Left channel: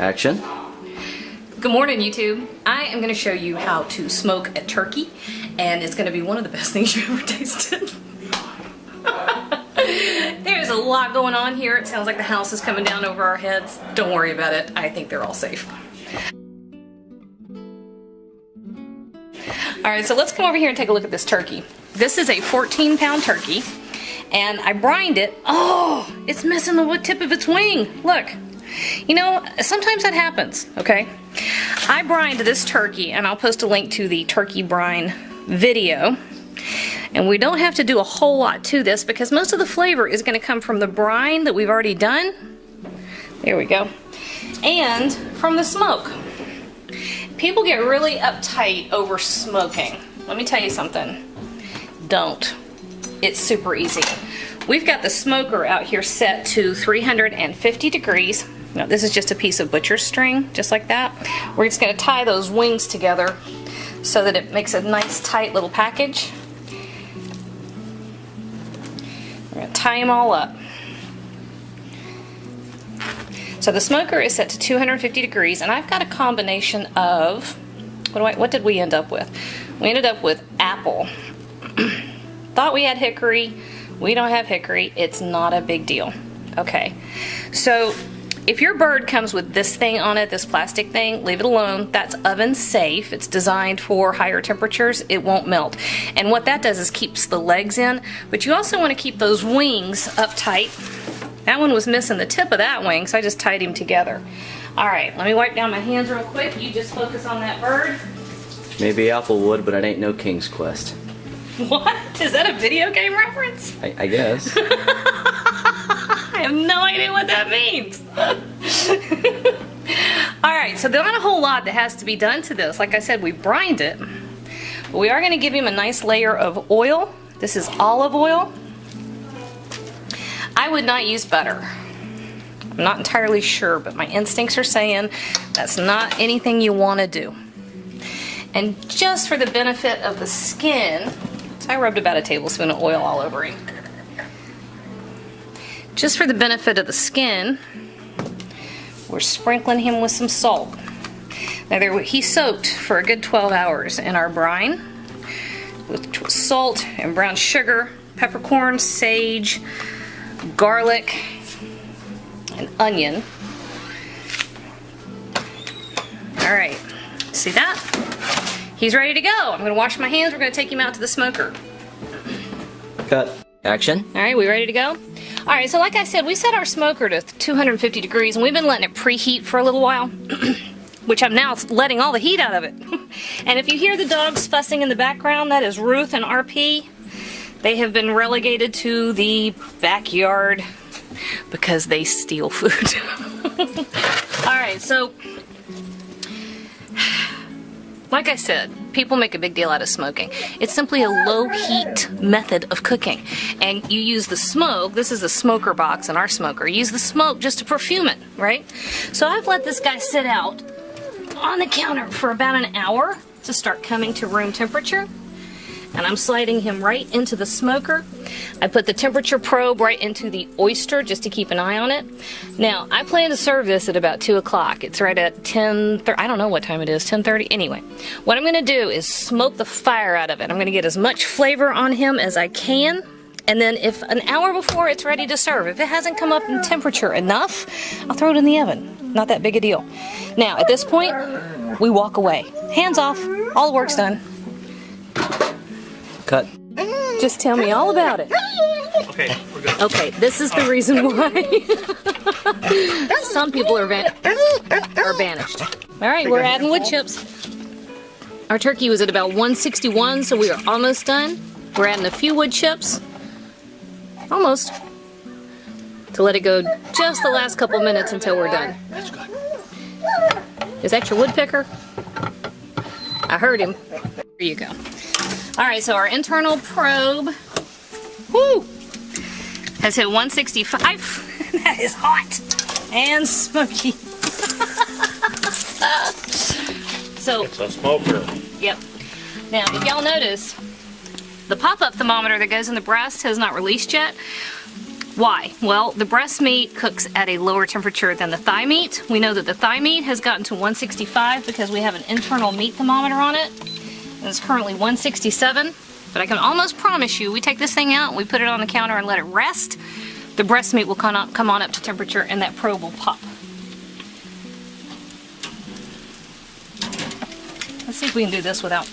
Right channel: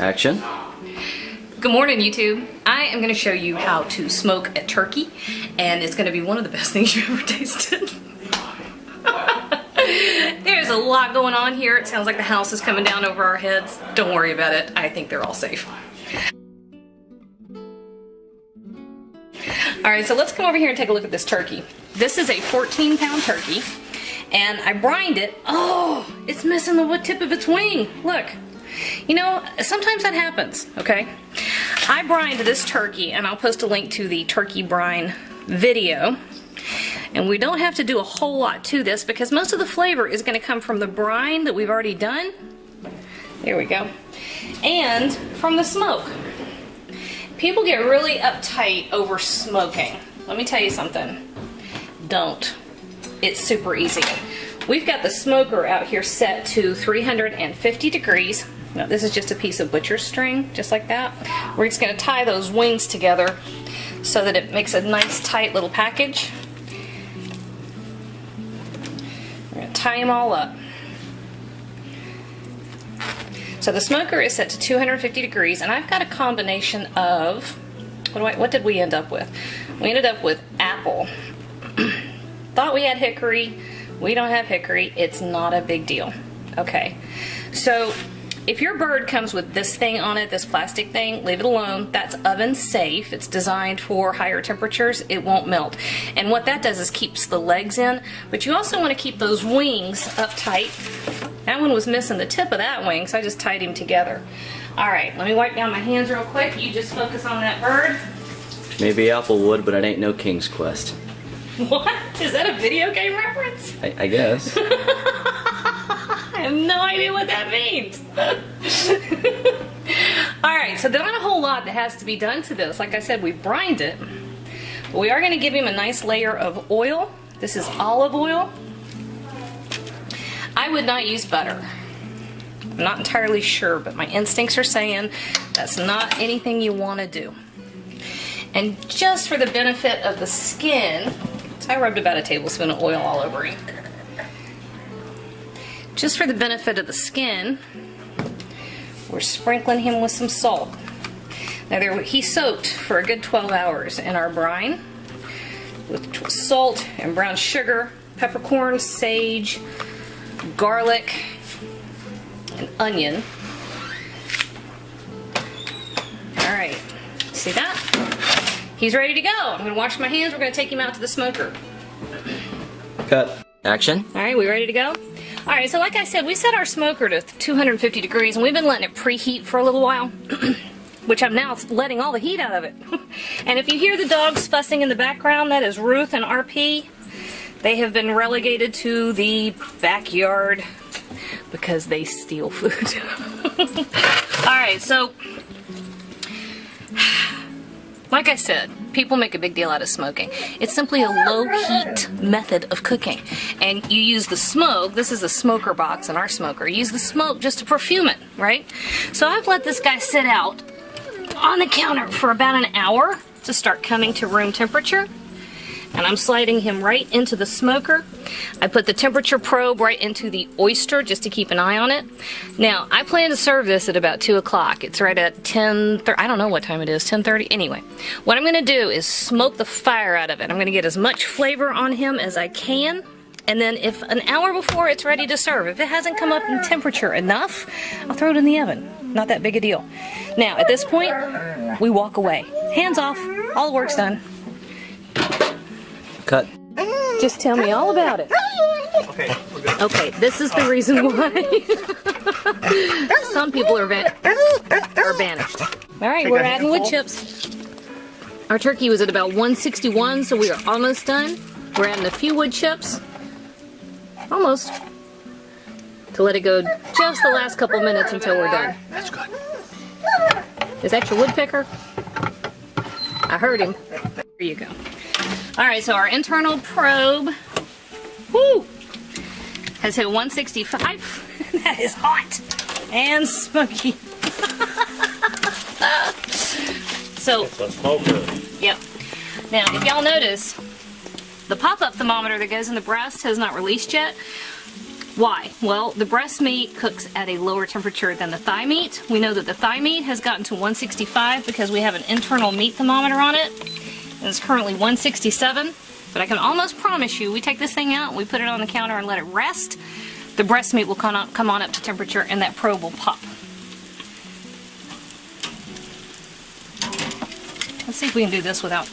Action. Good morning, YouTube. I am going to show you how to smoke a turkey, and it's going to be one of the best things you've ever tasted. There's a lot going on here. It sounds like the house is coming down over our heads. Don't worry about it. I think they're all safe. Alright, so let's come over here and take a look at this turkey. This is a 14-pound turkey, and I brined it. Oh, it's missing the tip of its wing. Look. You know, sometimes that happens, okay? I brined this turkey, and I'll post a link to the turkey brine video. And we don't have to do a whole lot to this because most of the flavor is going to come from the brine that we've already done. There we go. And from the smoke. People get really uptight over smoking. Let me tell you something. Don't. It's super easy. We've got the smoker out here set to 350 degrees. Now, this is just a piece of butcher's string, just like that. We're just going to tie those wings together so that it makes a nice tight little package. We're going to tie them all up. So the smoker is set to 250 degrees, and I've got a combination of, what did we end up with? We ended up with apple. Thought we had hickory. We don't have hickory. It's not a big deal. Okay, so if your bird comes with this thing on it, this plastic thing, leave it alone. That's oven safe. It's designed for higher temperatures. It won't melt. And what that does is keeps the legs in, but you also want to keep those wings up tight. That one was missing the tip of that wing, so I just tied him together. All right, let me wipe down my hands real quick. You just focus on that bird. Maybe Applewood, but it ain't no King's Quest. What? Is that a video game reference? I guess. I have no idea what that means. Alright, so there's not a whole lot that has to be done to this. Like I said, we brined it. But we are going to give him a nice layer of oil. This is olive oil. I would not use butter. I'm not entirely sure, but my instincts are saying that's not anything you want to do. And just for the benefit of the skin, so I rubbed about a tablespoon of oil all over him. Just for the benefit of the skin, we're sprinkling him with some salt. Now he soaked for a good 12 hours in our brine with salt and brown sugar, peppercorn, sage, garlic, and onion. Alright, see that? He's ready to go. I'm going to wash my hands. We're going to take him out to the smoker. Cut. Action. Alright, we ready to go? Alright, so like I said, we set our smoker to 250 degrees, and we've been letting it preheat for a little while, which I'm now letting all the heat out of it. And if you hear the dogs fussing in the background, that is Ruth and RP. They have been relegated to the backyard because they steal food. Alright, so like I said, people make a big deal out of smoking. It's simply a low-heat method of cooking. And you use the smoke, this is the smoker box in our smoker, you use the smoke just to perfume it, right? So I've let this guy sit out on the counter for about an hour to start coming to room temperature. And I'm sliding him right into the smoker. I put the temperature probe right into the oyster just to keep an eye on it. Now, I plan to serve this at about 2 o'clock. It's right at 10:30. I don't know what time it is, 10:30. Anyway, what I'm going to do is smoke the fire out of it. I'm going to get as much flavor on him as I can. And then if an hour before it's ready to serve, if it hasn't come up in temperature enough, I'll throw it in the oven. Not that big a deal. Now, at this point, we walk away. Hands off. All the work's done. Cut. Just tell me all about it. Okay, this is the reason why some people are banished. All right, we're adding wood chips. Our turkey was at about 161, so we are almost done. We're adding a few wood chips. Almost. To let it go just the last couple minutes until we're done. That's good. Is that your wood picker? I heard him. There you go. Alright, so our internal probe, whoo, has hit 165. That is hot and smoky. So, it's a smoker. Yep. Now, if y'all notice, the pop-up thermometer that goes in the breast has not released yet. Why? Well, the breast meat cooks at a lower temperature than the thigh meat. We know that the thigh meat has gotten to 165 because we have an internal meat thermometer on it, and it's currently 167. But I can almost promise you, we take this thing out, we put it on the counter and let it rest, the breast meat will come on up to temperature and that probe will pop. Let's see if we can do this without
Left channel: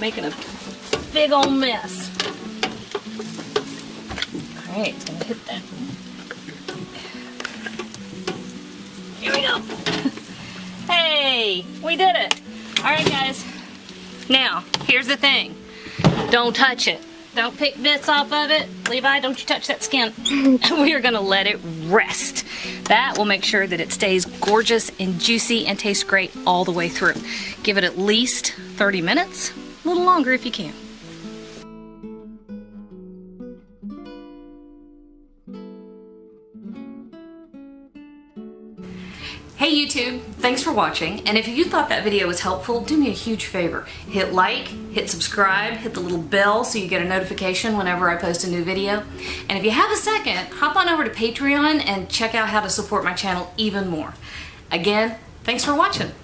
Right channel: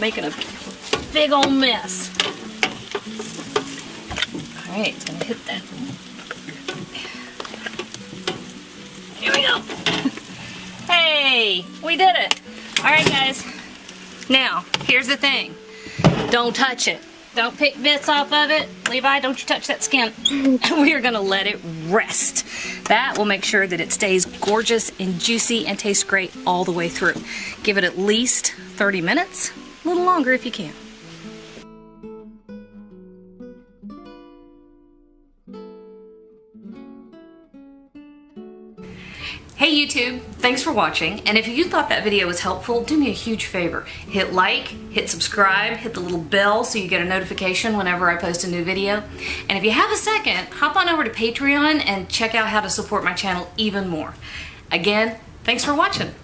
making a big old mess. Alright, it's gonna hit that. Here we go. Hey, we did it. Alright guys, now here's the thing. Don't touch it. Don't pick bits off of it. Levi, don't you touch that skin. We are gonna let it rest. That will make sure that it stays gorgeous and juicy and tastes great all the way through. Give it at least 30 minutes, a little longer if you can. Hey YouTube, thanks for watching, and if you thought that video was helpful, do me a huge favor. Hit like, hit subscribe, hit the little bell so you get a notification whenever I post a new video. And if you have a second, hop on over to Patreon and check out how to support my channel even more. Again, thanks for watching.